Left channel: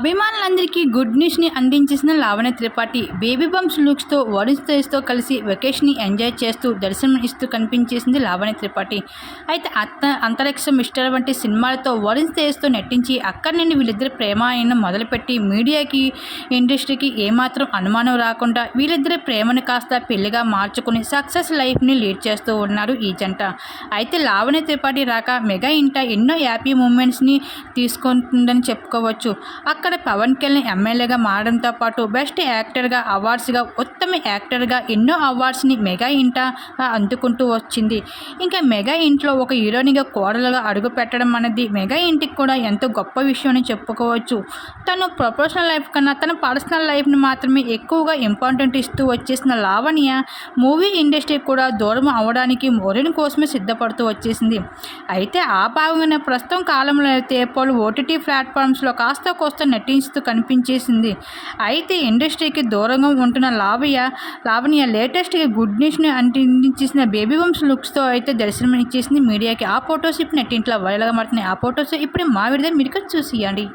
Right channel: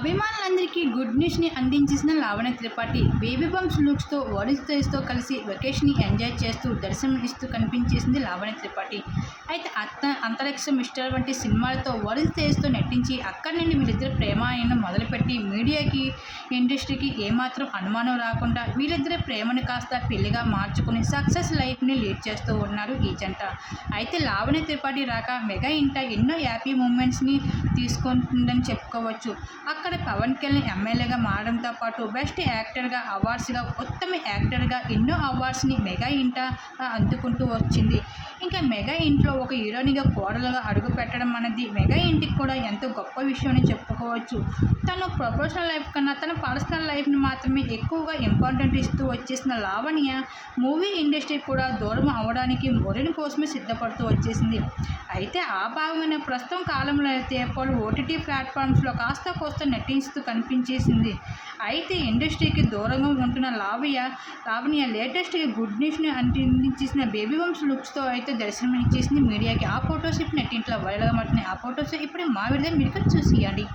అభిమానులందరికీ గుడ్ న్యూస్ని అందించేసిన లావణ్య త్రిపాఠి బేబీ బంప్స్ లుక్స్తో వరుణ్ తేజ్తో కలిసి వెకేషన్ని ఎంజాయ్ చేస్తూ దర్శనం ఇస్తూ కనిపించేసింది లావణ్య త్రిపాఠి. అయితే అత్త అంతరిక్ష మిస్టర్ వంటి సినిమాలతో వరుణ్ తేజ్తో నటించి అక్కడి నుండి వీళ్ళిద్దరి ప్రేమాయణం మొదలుపెట్టి మీడియాకి ఇండస్ట్రీకి ఏమాత్రం అనుమానం రాకుండా వీళ్ళిద్దరి ప్రేమను కాస్త పెళ్ళిగా మార్చుకుని సక్సెస్ లైఫ్ని లీడ్ చేస్తూ ఉన్నారు ఈ జంట. అయితే లావణ్య త్రిపాఠి రాక మెగా ఇంట ఎన్నో హ్యాపీ మూమెంట్స్ని తీసుకుంటుందని చెప్పుకోవచ్చు. అక్కడ పవన్ కళ్యాణ్ ఎమ్మెల్యేగా మారడంతో పాటు బెస్ట్ యాక్టర్గా అవార్డ్స్గా ఉత్తమ యాక్టర్గా ఎన్నో అవార్డ్స్ని మెగా ఇంట అందుకుంటూ వచ్చింది. ఇంకా మెగా ఇంట్లో ఒక హీరోయిన్గా కోడలుగా అడుగు పెట్టడం అనేది మెగా ఇంటికి కూడా ఎంతో గొప్ప విషయం అని చెప్పుకోవచ్చు. తను ప్రొఫెషనల్ లైఫ్ కన్నా తన పర్సనల్ లైఫ్ని మాత్రమే ఎక్కువగా ఇంపార్టెంట్ ఇస్తూ వచ్చేసిన లావణ్య మూవీ ఇండస్ట్రీ కూడా దూరం అవడానికి మొరిని కోసమే సిద్ధపడుతూ వచ్చేసింది. అయితే ఆ భాగంగానే ప్రస్తుతం కాలంలో అయితే పలు ఓటీటీ ప్లాట్ఫామ్స్లో కాస్త కోస్త నటిస్తూ కనిపించేసింది. అయితే ఇండస్ట్రీకి దూరంగా ఉంటున్న లావయ్య లావణ్య లేటెస్ట్గా గుడ్ న్యూస్ని అంటించేసిన బేబీ బంప్స్ లుక్స్తో అయితే దర్శనం ఇచ్చేసింది మీడియాకి. ఆ ఫొటోస్ ఇప్పుడు నెట్టింట్లో వైరల్గా మారుతున్నాయి. ఆ ఫొటోస్ ఇప్పుడు మా విడుదల మీరు కూడా చూసియండి.